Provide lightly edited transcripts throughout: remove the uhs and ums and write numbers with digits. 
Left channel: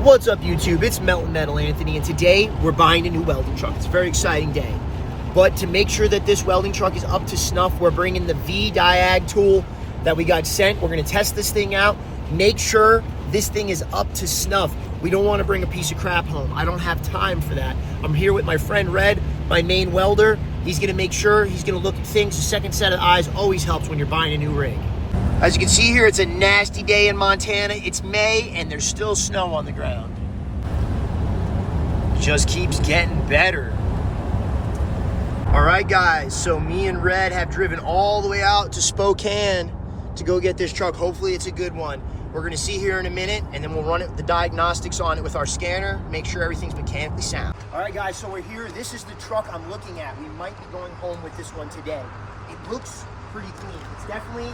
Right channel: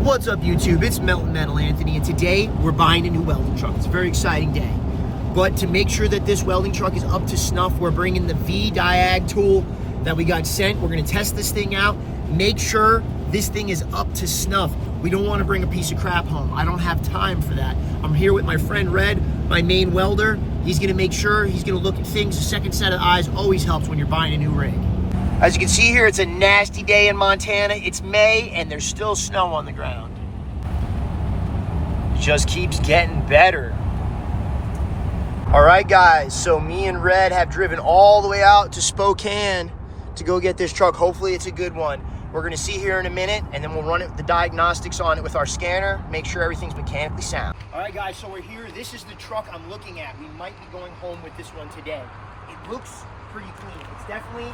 What's up, YouTube? It's Melton Metal Anthony, and today we're buying a new welding truck. It's a very exciting day. But to make sure that this welding truck is up to snuff, we're bringing the VDIAGTOOL that we got sent. We're going to test this thing out, make sure this thing is up to snuff. We don't want to bring a piece of crap home. I don't have time for that. I'm here with my friend Red, my main welder. He's going to make sure, he's going to look at things. A second set of eyes always helps when you're buying a new rig. As you can see here, it's a nasty day in Montana. It's May, and there's still snow on the ground. It just keeps getting better. All right, guys, so me and Red have driven all the way out to Spokane to go get this truck. Hopefully it's a good one. We're gonna see here in a minute, and then we'll run the diagnostics on it with our scanner, make sure everything's mechanically sound. All right, guys, so we're here. This is the truck I'm looking at. We might be going home with this one today. It looks pretty clean. It's definitely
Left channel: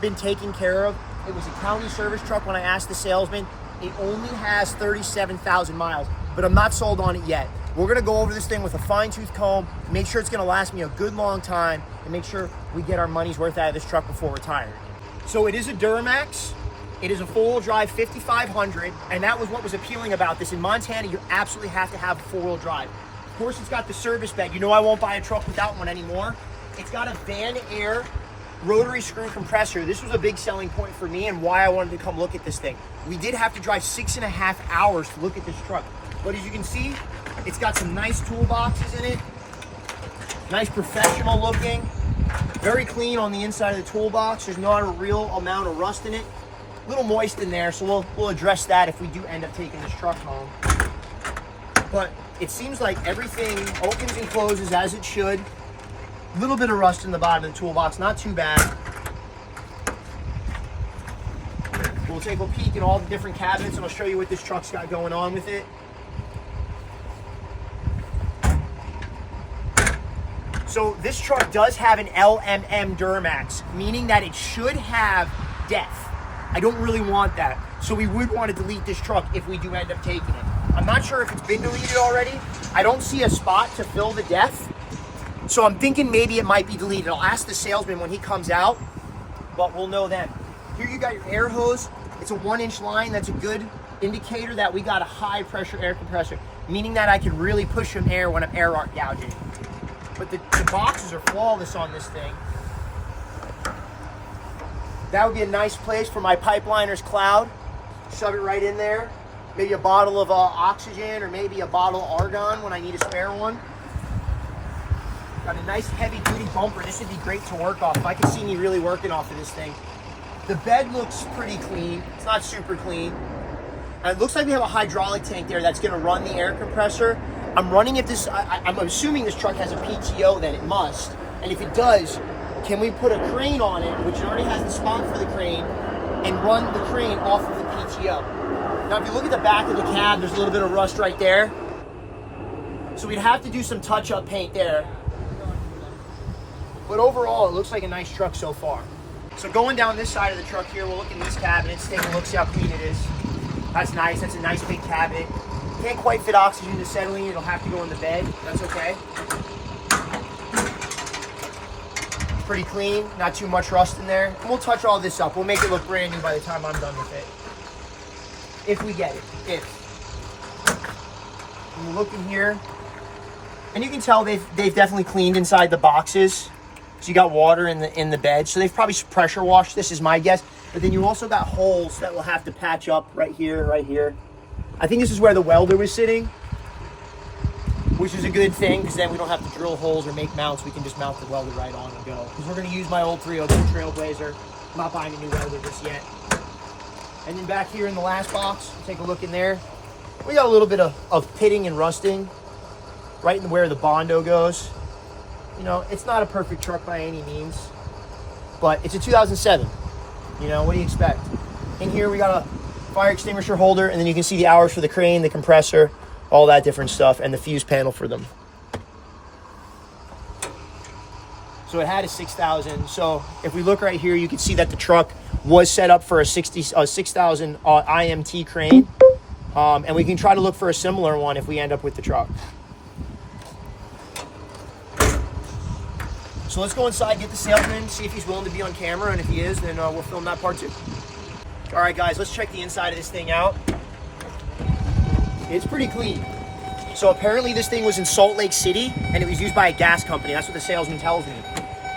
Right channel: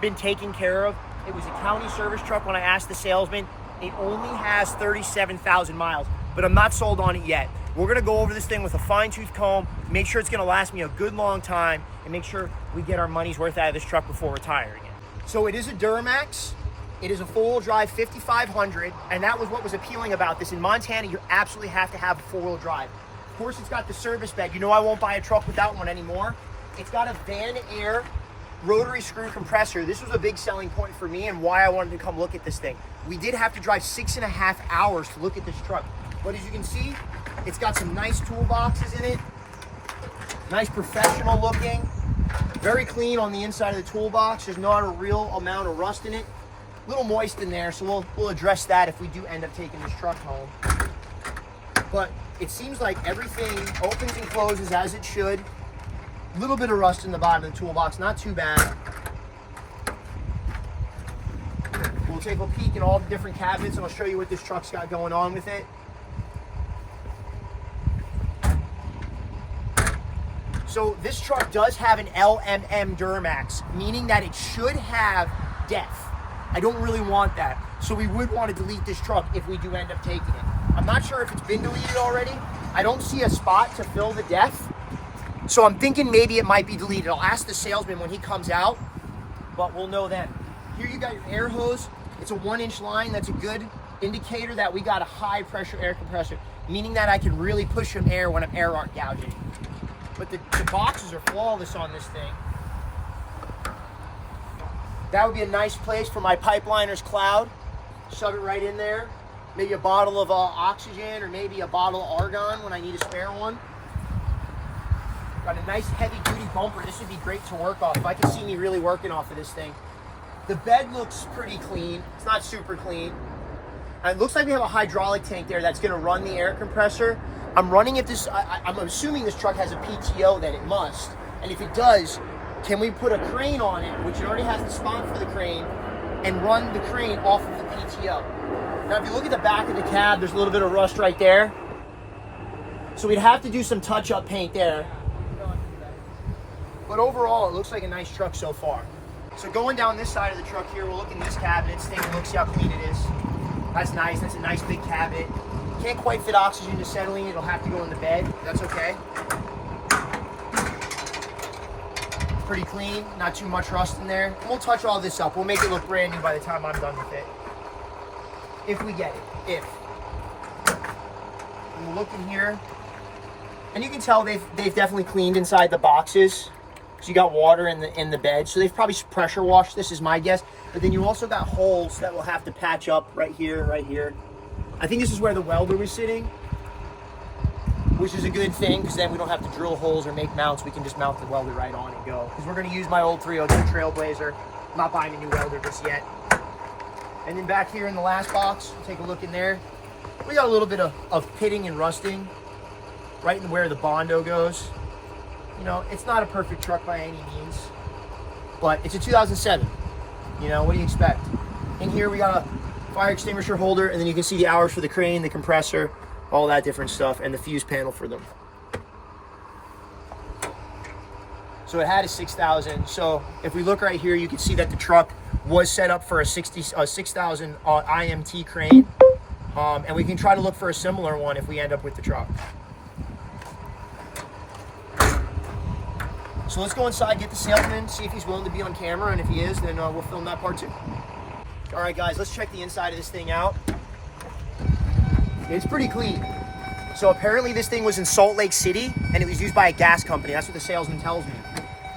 been taken care of. It was a county service truck when I asked the salesman. It only has 37,000 miles, but I'm not sold on it yet. We're gonna go over this thing with a fine-tooth comb, make sure it's gonna last me a good long time, and make sure we get our money's worth out of this truck before retiring it. So it is a Duramax. It is a four-wheel drive 5500, and that was what was appealing about this. In Montana, you absolutely have to have a four-wheel drive. Of course, it's got the service bed. You know I won't buy a truck without one anymore. It's got a Van Air rotary screw compressor. This was a big selling point for me and why I wanted to come look at this thing. We did have to drive 6.5 hours to look at this truck. But as you can see, it's got some nice toolboxes in it. Nice professional looking. Very clean on the inside of the toolbox. There's not a real amount of rust in it. A little moist in there, so we'll address that if we do end up taking this truck home. But it seems like everything opens and closes as it should. A little bit of rust in the bottom of the toolbox, not too bad. We'll take a peek at all the different cabinets and I'll show you what this truck's got going on with it. So this truck does have an LMM Duramax, meaning that it should have depth. I don't really want that. So we would want to delete this truck if we do end up taking it. I'm not sure if it's been deleted already. I don't see a spot to fill the depth. So I'm thinking maybe it might be deleted. I'll ask the salesman when he comes out, but we'll know then. Here you got your air hose. It's a 1-inch line. That's a good indicator that we got a high pressure air compressor, meaning that I can really push some air when I'm air arc gouging. But the boxes are flawless on this thing. That would be a nice place for my pipeliner's cloud. Shove it right in there. Maybe a bottle of oxygen or maybe a bottle of argon when I need a spare one. Got a nice heavy duty bumper. This would be great to work off. If I could see me really working off of this thing. The bed looks pretty clean. It's not super clean. And it looks like we have a hydraulic tank there that's gonna run the air compressor. I'm running it this, I'm assuming this truck has a PTO, then it must. And if it does, can we put a crane on it, which already has the spot for the crane, and run the crane off of the PTO? Now, if you look at the back of the cab, there's a little bit of rust right there. So we'd have to do some touch-up paint there. But overall, it looks like a nice truck so far. So going down this side of the truck here, we'll look in these cabinets, take a look, see how clean it is. That's nice. That's a nice big cabinet. Can't quite fit oxygen to acetylene. It'll have to go in the bed. That's okay. Pretty clean. Not too much rust in there. And we'll touch all this up. We'll make it look brand new by the time I'm done with it. If we get it. And we'll look in here. And you can tell they've definitely cleaned inside the boxes. So you got water in the bed. So they've probably pressure washed this is my guess. But then you also got holes that we'll have to patch up right here, right here. I think this is where the welder was sitting, which is a good thing because then we don't have to drill holes or make mounts. We can just mount the welder right on and go. Because we're going to use my old 302 Trailblazer. I'm not buying a new welder just yet. And then back here in the last box, take a look in there. We got a little bit of pitting and rusting right in where the Bondo goes. You know, it's not a perfect truck by any means, but it's a 2007. You know, what do you expect? In here we got a fire extinguisher holder, and then you can see the hours for the crane, the compressor, all that different stuff, and the fuse panel for them. So it had a 6,000. So if we look right here, you can see that the truck was set up for a 6,000 IMT crane, and we can try to look for a similar one if we end up with the truck. So let's go inside, get the salesman, see if he's willing to be on camera, and if he is, then we'll film that part too. All right, guys, let's check the inside of this thing out. It's pretty clean. So apparently this thing was in Salt Lake City and it was used by a gas company. That's what the salesman tells me.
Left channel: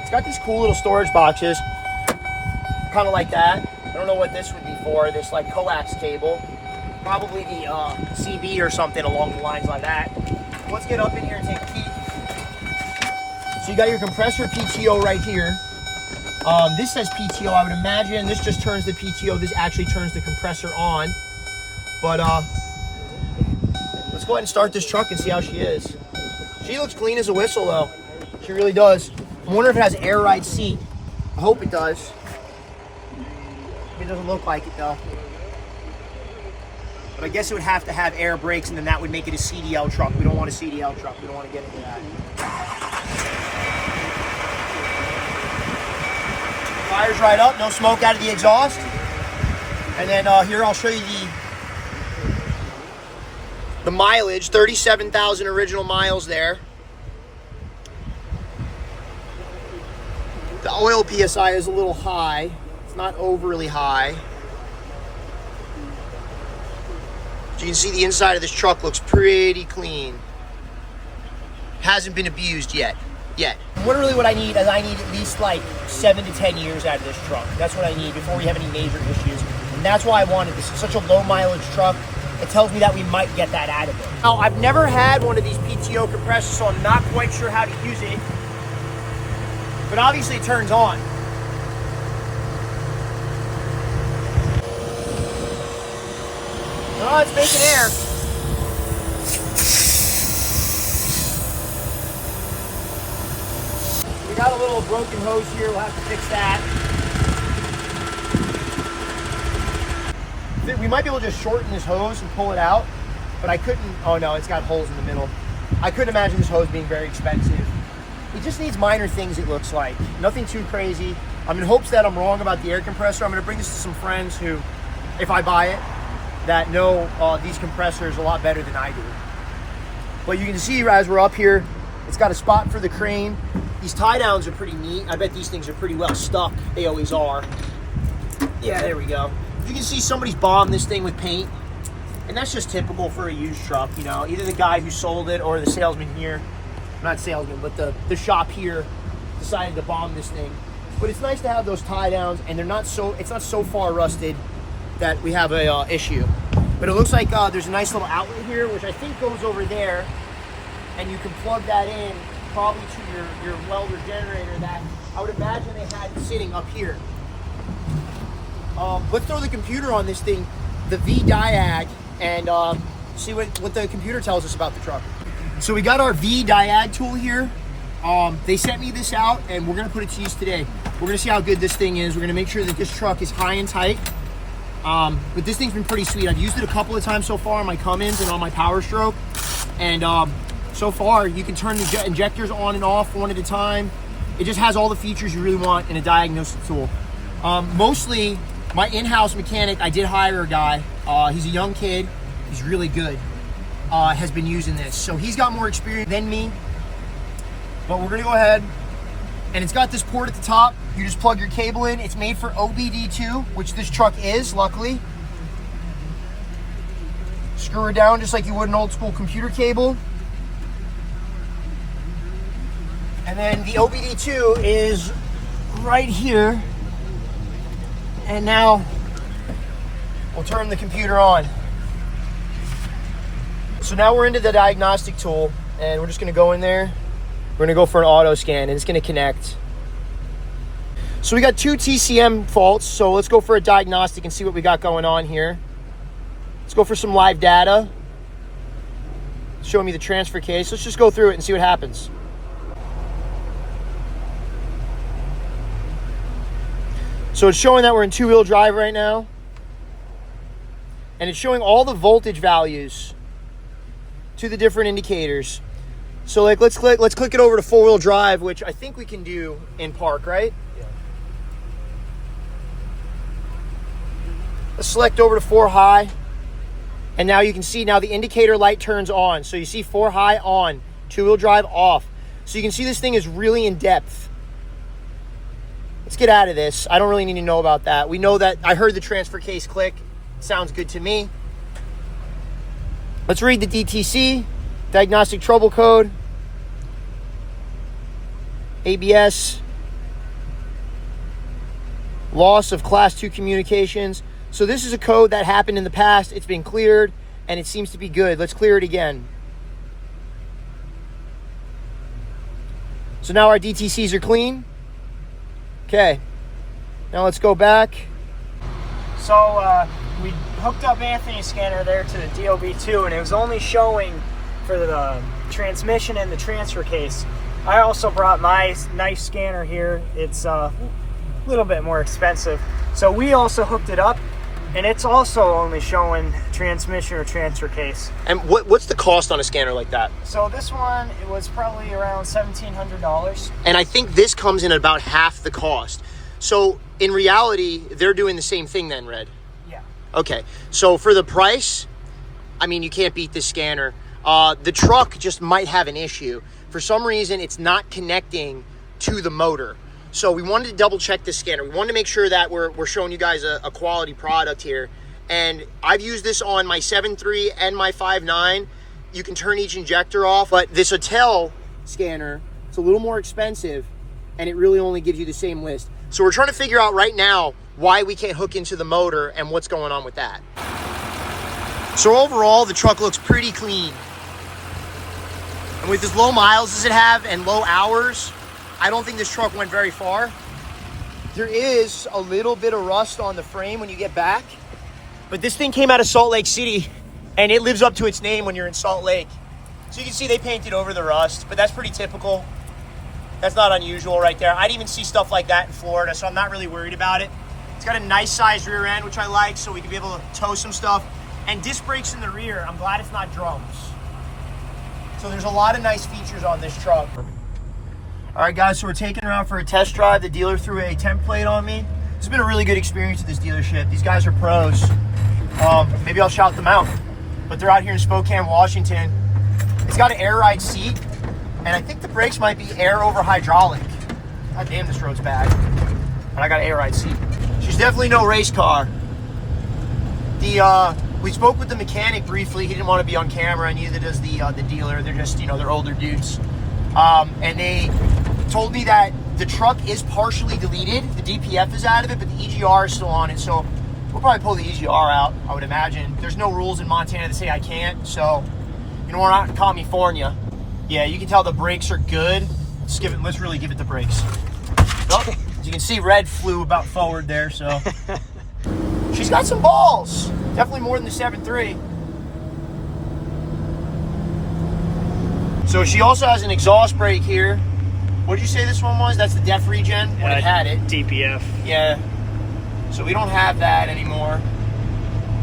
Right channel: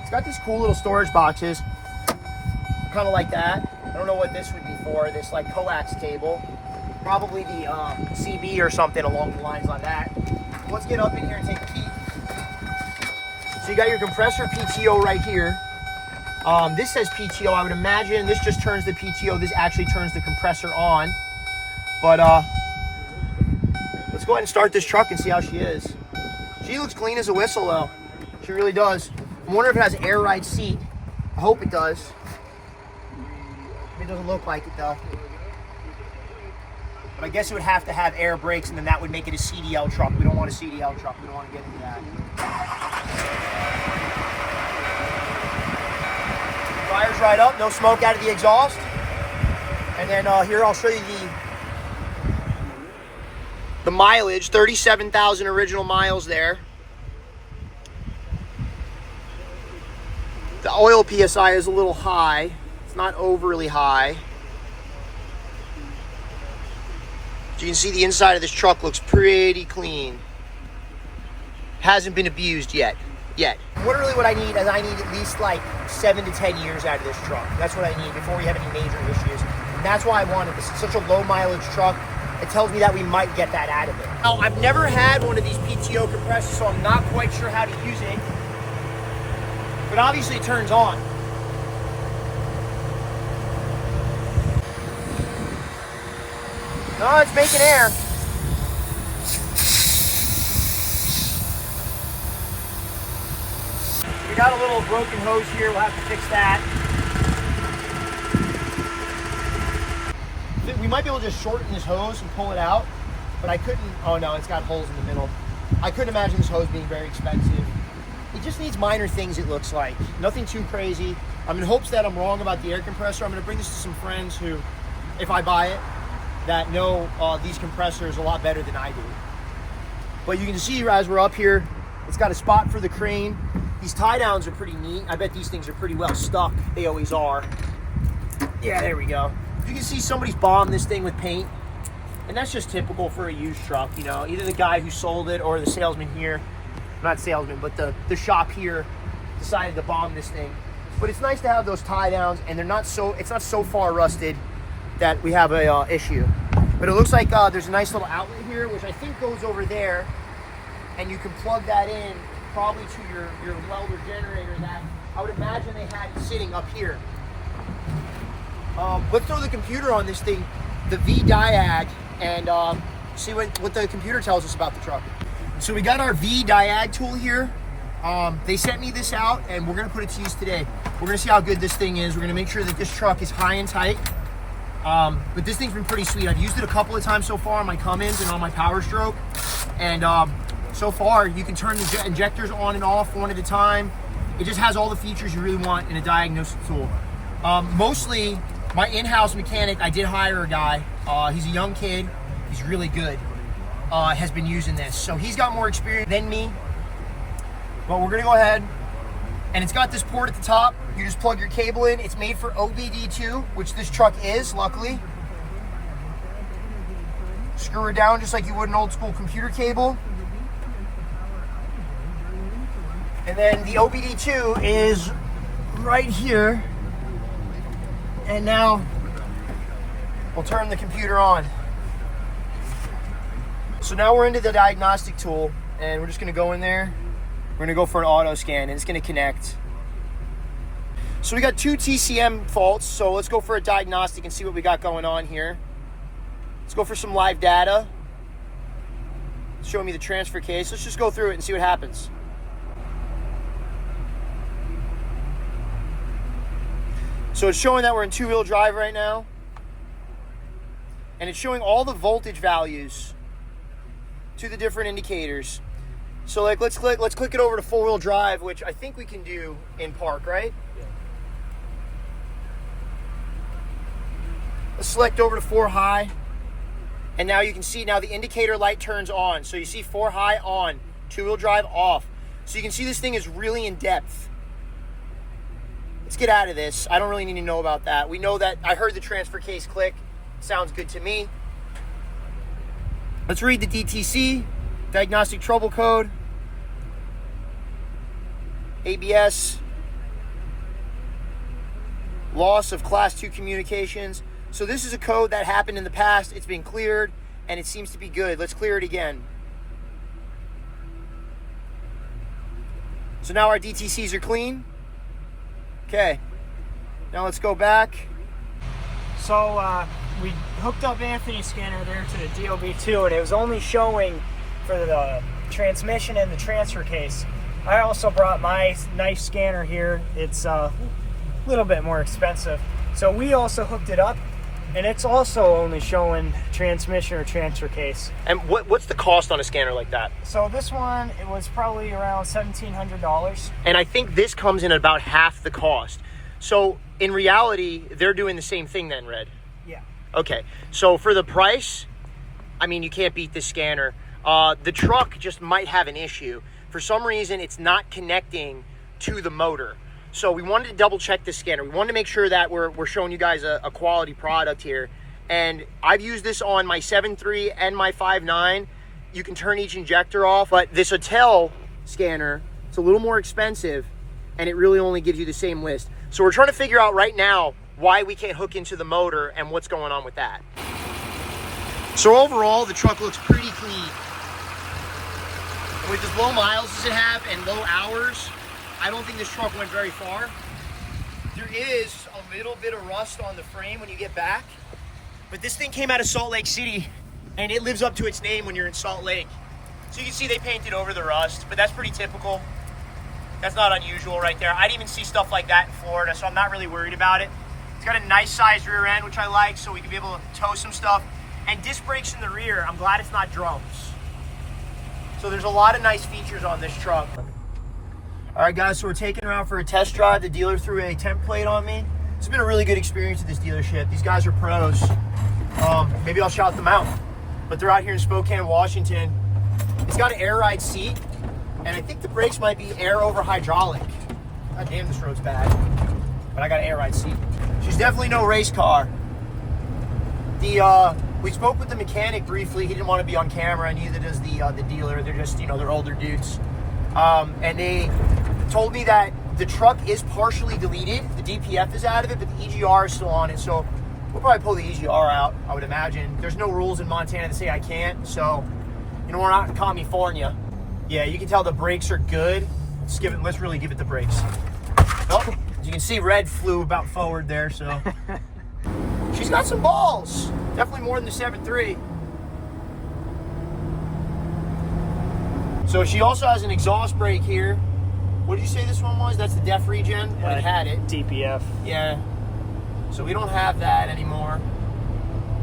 It's got these cool little storage boxes, kind of like that. I don't know what this would be for, this like coax cable. Probably the CB or something along the lines like that. Let's get up in here and take a peek. So you got your compressor PTO right here. This says PTO. I would imagine this just turns the PTO. This actually turns the compressor on. But let's go ahead and start this truck and see how she is. She looks clean as a whistle though. She really does. I wonder if it has an air ride seat. I hope it does. It doesn't look like it though. But I guess it would have to have air brakes, and then that would make it a CDL truck. We don't want a CDL truck. We don't want to get into that. Fires right up, no smoke out of the exhaust. And then here I'll show you the mileage, 37,000 original miles there. The oil PSI is a little high. It's not overly high. So you can see the inside of this truck looks pretty clean. Hasn't been abused yet. Literally what I need is I need at least like 7 to 10 years out of this truck. That's what I need before we have any major issues. And that's why I wanted this. It's such a low mileage truck. It tells me that we might get that out of it. Now, I've never had one of these PTO compressors, so I'm not quite sure how to use it. But obviously it turns on. No, it's making air. We got a little broken hose here. We'll have to fix that. We might be able to just shorten this hose and pull it out, but I couldn't. Oh no, it's got holes in the middle. I couldn't imagine this hose being very expensive. It just needs minor things, it looks like. Nothing too crazy. I'm in hopes that I'm wrong about the air compressor. I'm going to bring this to some friends who, if I buy it, that know these compressors a lot better than I do. But you can see as we're up here, it's got a spot for the crane. These tie downs are pretty neat. I bet these things are pretty well stuck. They always are. Yeah, there we go. You can see somebody's bombed this thing with paint, and that's just typical for a used truck. You know, either the guy who sold it or the salesman here, not salesman, but the shop here decided to bomb this thing. But it's nice to have those tie downs, and it's not so far rusted that we have a issue. But it looks like there's a nice little outlet here, which I think goes over there, and you can plug that in probably to your welder generator that I would imagine they had sitting up here. Let's throw the computer on this thing, the VDIAG, and see what the computer tells us about the truck. So we got our VDIAGTOOL here. They sent me this out, and we're gonna put it to use today. We're gonna see how good this thing is. We're gonna make sure that this truck is high and tight. But this thing's been pretty sweet. I've used it a couple of times so far on my Cummins and on my Power Stroke. And so far, you can turn the injectors on and off one at a time. It just has all the features you really want in a diagnostic tool. Mostly, my in-house mechanic, I did hire a guy. He's a young kid. He's really good. Has been using this. So he's got more experience than me. But we're gonna go ahead, and it's got this port at the top. You just plug your cable in. It's made for OBD2, which this truck is, luckily. Screw it down just like you would an old school computer cable. And then the OBD2 is right here. And now we'll turn the computer on. So now we're into the diagnostic tool, and we're just gonna go in there. We're gonna go for an auto scan, and it's gonna connect. So we got 2 TCM faults, so let's go for a diagnostic and see what we got going on here. Let's go for some live data. Show me the transfer case. Let's just go through it and see what happens. So it's showing that we're in 2-wheel drive right now. And it's showing all the voltage values to the different indicators. So like let's click it over to 4-wheel drive, which I think we can do in park, right? Yeah. Let's select over to 4 high. And now you can see now the indicator light turns on. So you see 4 high on, 2-wheel drive off. So you can see this thing is really in depth. Let's get out of this. I don't really need to know about that. We know that I heard the transfer case click. Sounds good to me. Let's read the DTC, diagnostic trouble code, ABS, loss of class 2 communications. So this is a code that happened in the past. It's been cleared and it seems to be good. Let's clear it again. So now our DTCs are clean. Okay, now let's go back. So we hooked up Anthony's scanner there to the DOB2, and it was only showing for the transmission and the transfer case. I also brought my nice scanner here. It's a little bit more expensive. So we also hooked it up, and it's also only showing transmission or transfer case. And what's the cost on a scanner like that? So this one, it was probably around $1,700. And I think this comes in at about half the cost. So in reality, they're doing the same thing then, Red? Yeah. Okay, so for the price, I mean, you can't beat this scanner. The truck just might have an issue. For some reason, it's not connecting to the motor. So we wanted to double check this scanner. We wanted to make sure that we're showing you guys a quality product here. And I've used this on my 7.3 and my 5.9. You can turn each injector off, but this Intel scanner, it's a little more expensive and it really only gives you the same list. So we're trying to figure out right now why we can't hook into the motor and what's going on with that. So overall, the truck looks pretty clean. And with as low miles as it have and low hours, I don't think this truck went very far. There is a little bit of rust on the frame when you get back, but this thing came out of Salt Lake City and it lives up to its name when you're in Salt Lake. So you can see they painted over the rust, but that's pretty typical. That's not unusual right there. I'd even see stuff like that in Florida, so I'm not really worried about it. It's got a nice sized rear end, which I like, so we can be able to tow some stuff. And disc brakes in the rear, I'm glad it's not drums. So there's a lot of nice features on this truck. All right, guys, so we're taking her out for a test drive. The dealer threw a template on me. It's been a really good experience at this dealership. These guys are pros. Maybe I'll shout them out. But they're out here in Spokane, Washington. It's got an air ride seat, and I think the brakes might be air over hydraulic. God damn, this road's bad. But I got an air ride seat. She's definitely no race car. We spoke with the mechanic briefly. He didn't want to be on camera, and neither does the dealer. They're just, they're older dudes. And they told me that the truck is partially deleted. The DPF is out of it, but the EGR is still on it. So we'll probably pull the EGR out, I would imagine. There's no rules in Montana that say I can't. So, we're not in California. Yeah, you can tell the brakes are good. Let's really give it the brakes. Oh, as you can see, Red flew about forward there, so. She's got some balls. Definitely more than the 7.3. So she also has an exhaust brake here. What did you say this one was? That's the def regen when it had it. DPF. Yeah. So we don't have that anymore.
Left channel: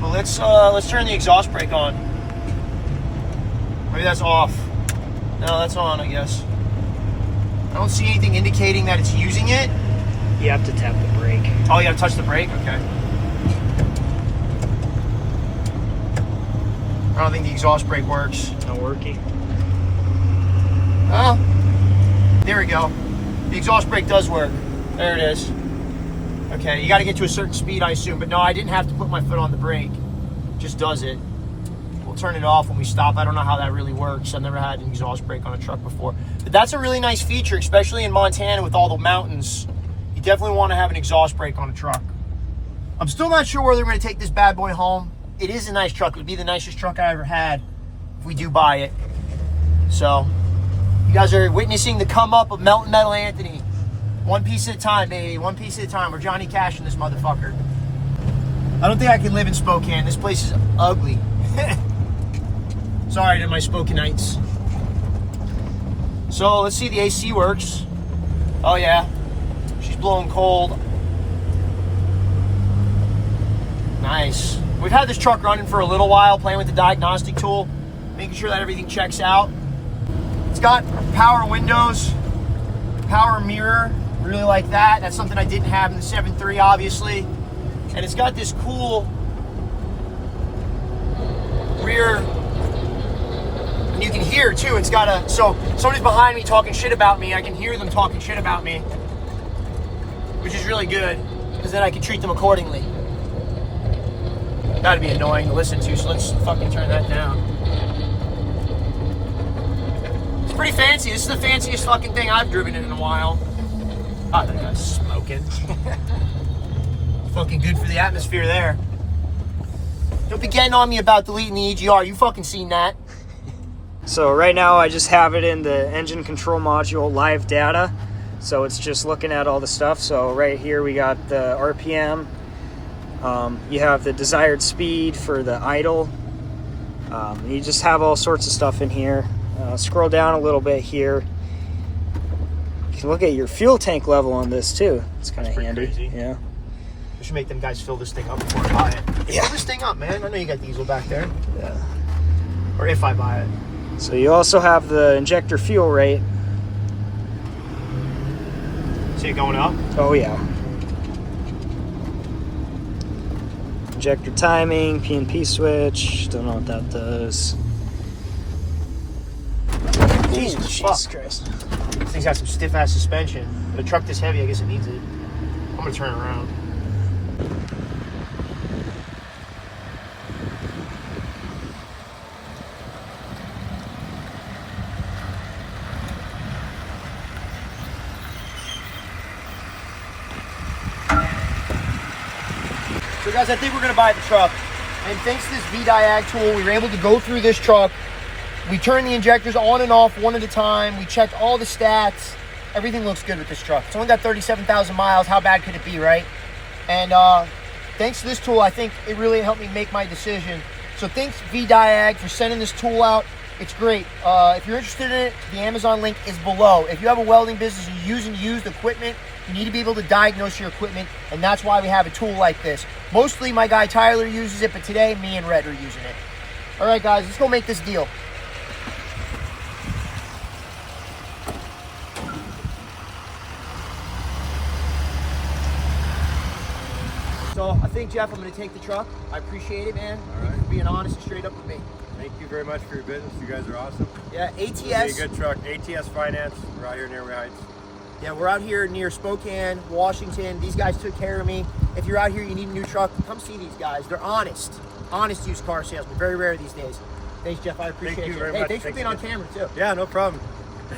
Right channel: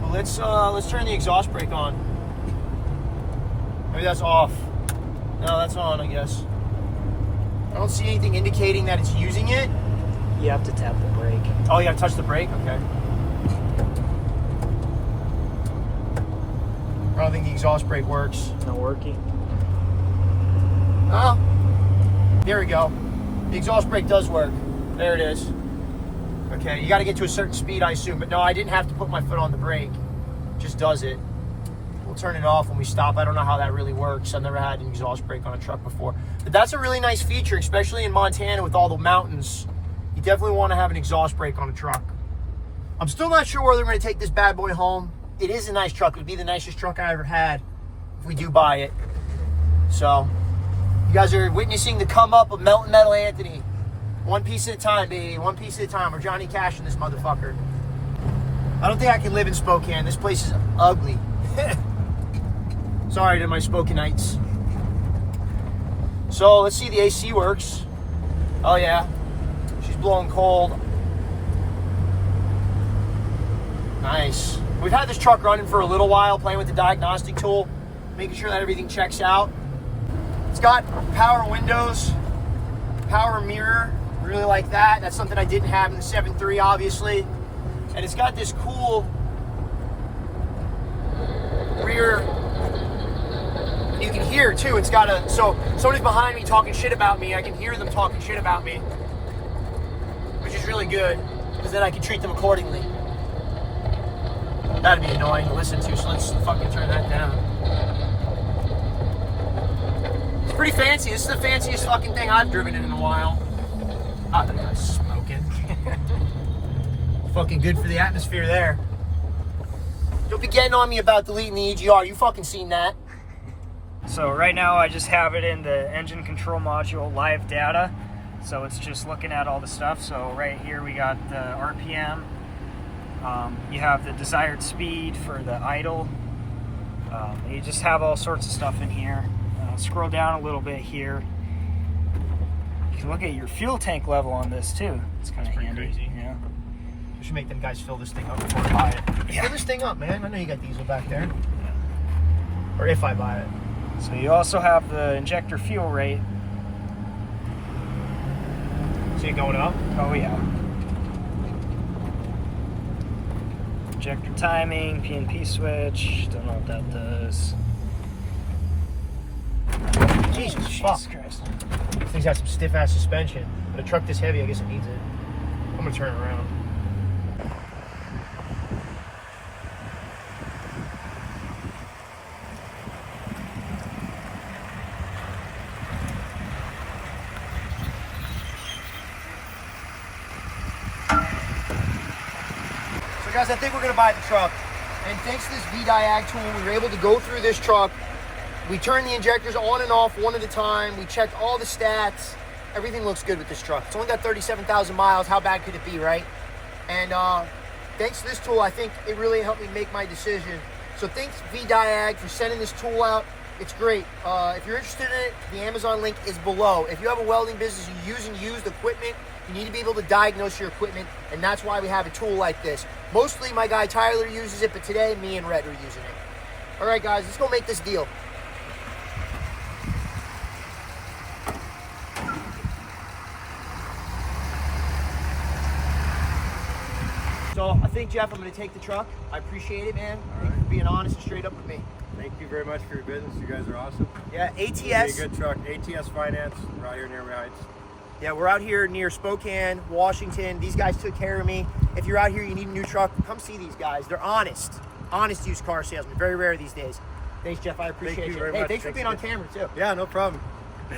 But let's turn the exhaust brake on. Maybe that's off. No, that's on, I guess. I don't see anything indicating that it's using it. You have to tap the brake. Oh, you have to touch the brake? Okay. I don't think the exhaust brake works. Not working. Oh, there we go. The exhaust brake does work. There it is. Okay, you got to get to a certain speed, I assume. But no, I didn't have to put my foot on the brake. It just does it. We'll turn it off when we stop. I don't know how that really works. I've never had an exhaust brake on a truck before. But that's a really nice feature, especially in Montana with all the mountains. You definitely want to have an exhaust brake on a truck. I'm still not sure whether I'm going to take this bad boy home. It is a nice truck. It would be the nicest truck I ever had if we do buy it. So, you guys are witnessing the come up of Melting Metal Anthony. One piece at a time, baby. One piece at a time. We're Johnny Cash in this motherfucker. I don't think I can live in Spokane. This place is ugly. Sorry to my Spokaneites. So, let's see if the AC works. Oh, yeah. She's blowing cold. Nice. We've had this truck running for a little while, playing with the diagnostic tool, making sure that everything checks out. It's got power windows, power mirror, really like that. That's something I didn't have in the 7.3, obviously. And it's got this cool rear, and you can hear too, it's got a, so somebody's behind me talking shit about me, I can hear them talking shit about me, which is really good, because then I can treat them accordingly. That'd be annoying to listen to, so let's fucking turn that down. pretty fancy. This is the fanciest fucking thing I've driven in a while. Not that I'm smoking. Fucking good for the atmosphere there. Don't be getting on me about deleting the EGR. You fucking seen that. So right now I just have it in the engine control module live data. So it's just looking at all the stuff. So right here we got the RPM. You have the desired speed for the idle. You just have all sorts of stuff in here. Scroll down a little bit here. You can look at your fuel tank level on this too. It's kind of handy. Crazy. Yeah. We should make them guys fill this thing up before we buy it. Yeah. Fill this thing up, man. I know you got diesel back there. Yeah. Or if I buy it. So you also have the injector fuel rate. See it going up? Oh yeah. Injector timing, P&P switch. Don't know what that does. Jesus Christ. This thing's got some stiff ass suspension. But a truck this heavy, I guess it needs it. I'm gonna turn it around. So guys, I think we're gonna buy the truck. And thanks to this VDIAGTOOL, we were able to go through this truck. We turned the injectors on and off one at a time. We checked all the stats. Everything looks good with this truck. It's only got 37,000 miles. How bad could it be, right? And thanks to this tool, I think it really helped me make my decision. So thanks VDIAG for sending this tool out. It's great. If you're interested in it, the Amazon link is below. If you have a welding business, you're using used equipment, you need to be able to diagnose your equipment, and that's why we have a tool like this. Mostly my guy Tyler uses it, but today me and Red are using it. All right, guys, let's go make this deal. So I think, Jeff, I'm going to take the truck. I appreciate it, man. Thank you for being honest and straight up with me. Thank you very much for your business. You guys are awesome. Yeah, It's ATS. a good truck. ATS Finance. We're out here near Heights. Yeah, we're out here near Spokane, Washington. These guys took care of me. If you're out here, you need a new truck, come see these guys. They're honest. Honest used car salesmen. Very rare these days. Thanks, Jeff. I appreciate you you. very Hey, much. thanks for being on camera, too. Yeah, no problem.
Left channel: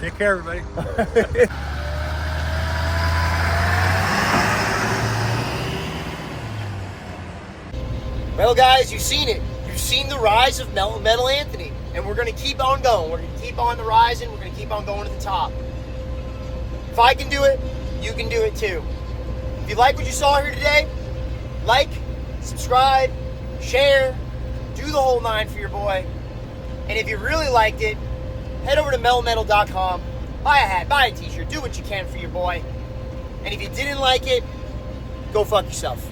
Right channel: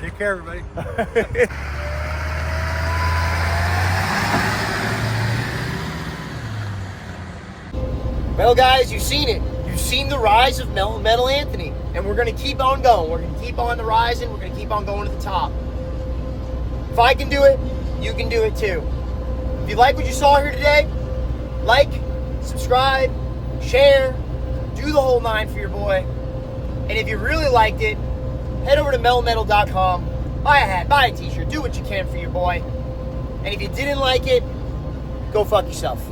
Take care, everybody. Well, guys, you've seen it. You've seen the rise of Metal Anthony. And we're going to keep on going. We're going to keep on the rising. We're going to keep on going to the top. If I can do it, you can do it too. If you like what you saw here today, like, subscribe, share, do the whole 9 for your boy. And if you really liked it, head over to metalmetal.com, buy a hat, buy a t-shirt, do what you can for your boy. And if you didn't like it, go fuck yourself.